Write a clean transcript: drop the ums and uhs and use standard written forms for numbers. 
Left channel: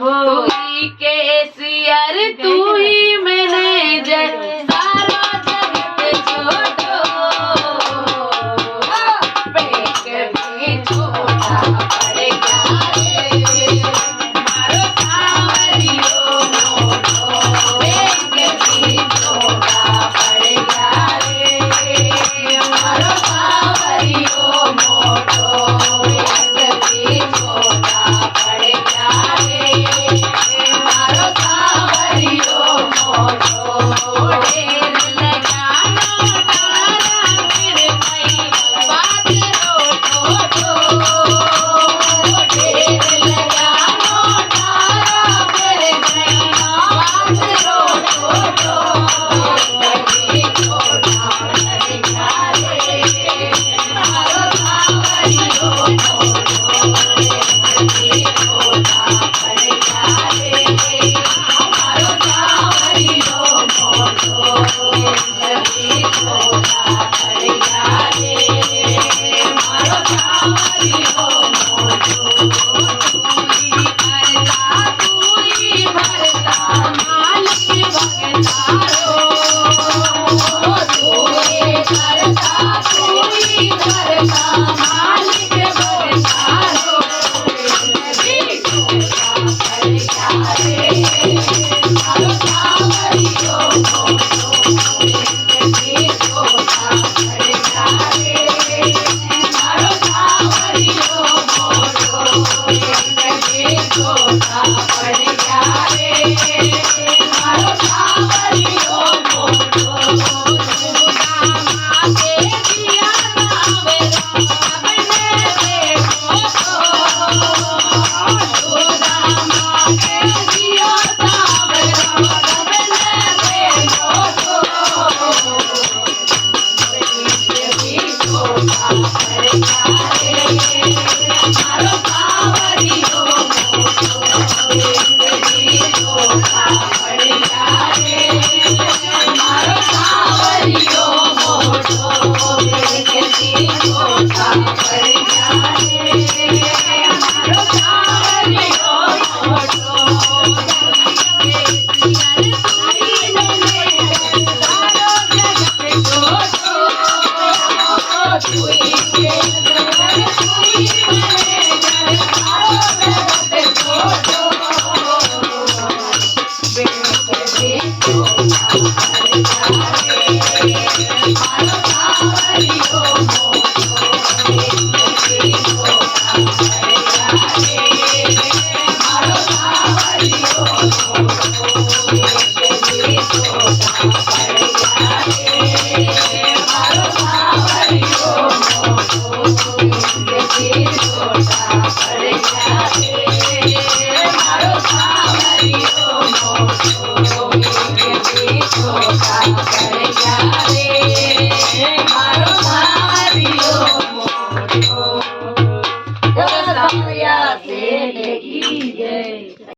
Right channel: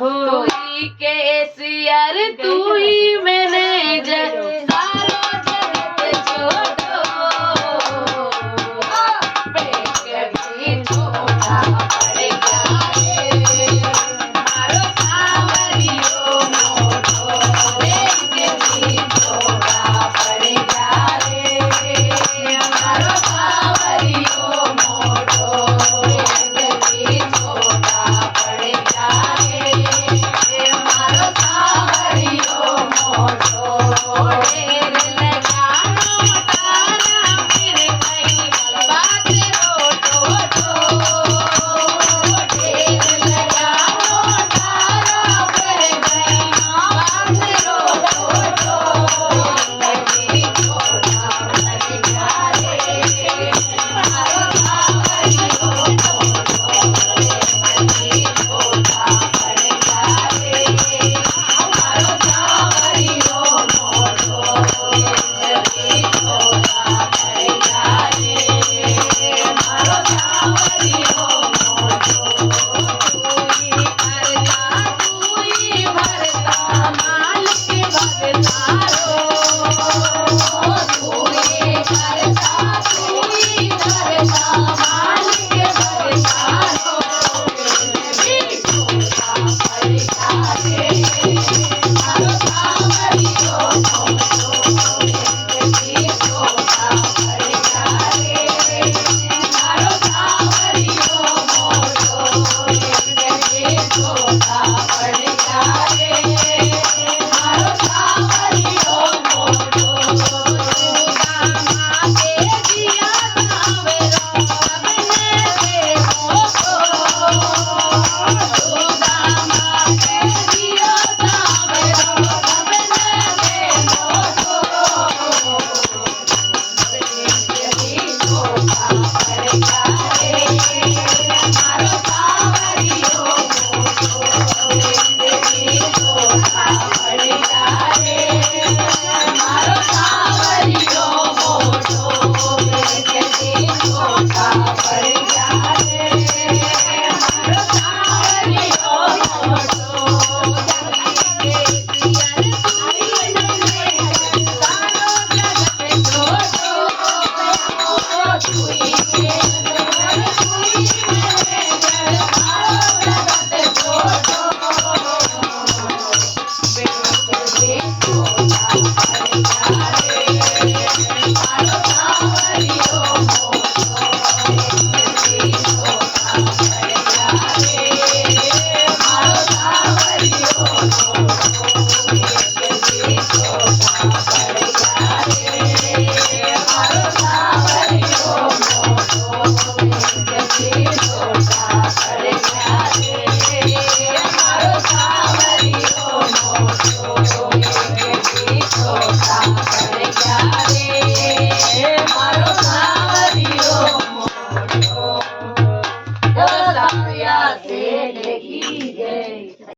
हो तू केसियर तू ही मैनेजर सारा जगत छोड़ो पेट भी छोटा पड़ गया रे मारो सांवरियो मोटो पेट भी छोटा पड़ गया रे मारो सांवरियो मोटो पेट भी छोटा पड़ गया रे मारो सांवरियो मोटो ढेर लगानो तारा फिर कई बात रोटो ढेर लगानो तारा फिर कई बात रोटो लगे छोटा पड़ गया रे मारो सांवरियो मोटो लगे छोटा पड़ गया रे मारो सांवरियो मोटो लगे छोटा पड़ गया रे मारो सांवरियो मोटो तू ही भरता मालिक भगतारो तू ही भरता मालिक भगतारो छोटा पड़ गया रे मारो सांवरियो मोटो लगे छोटा पड़ गया रे मारो सांवरियो मोटो लगे छोटा पड़ गया रे मारो सांवरियो मोटो दामा के जिया सांवरो अपने देखो तो दामा के जिया सांवरो अपने देखो तो पेट भी छोटा पड़ गया रे मारो सांवरियो मोटो पेट भी छोटा पड़ गया रे मारो सांवरियो मोटो पेट भी छोटा पड़ गया रे मारो सांवरियो मोटो केसियर तू ही मैनेजर सारो जगत छोड़ो तू ही केसियर तू ही मैनेजर सारो जगत छोड़ो पेट भी छोटा पड़ गया रे मारो सांवरियो मोटो पेट भी छोटा पड़ गया रे मारो सांवरियो मोटो पेट भी छोटा पड़ गया रे मारो सांवरियो मोटो पेट भी छोटा पड़ गया रे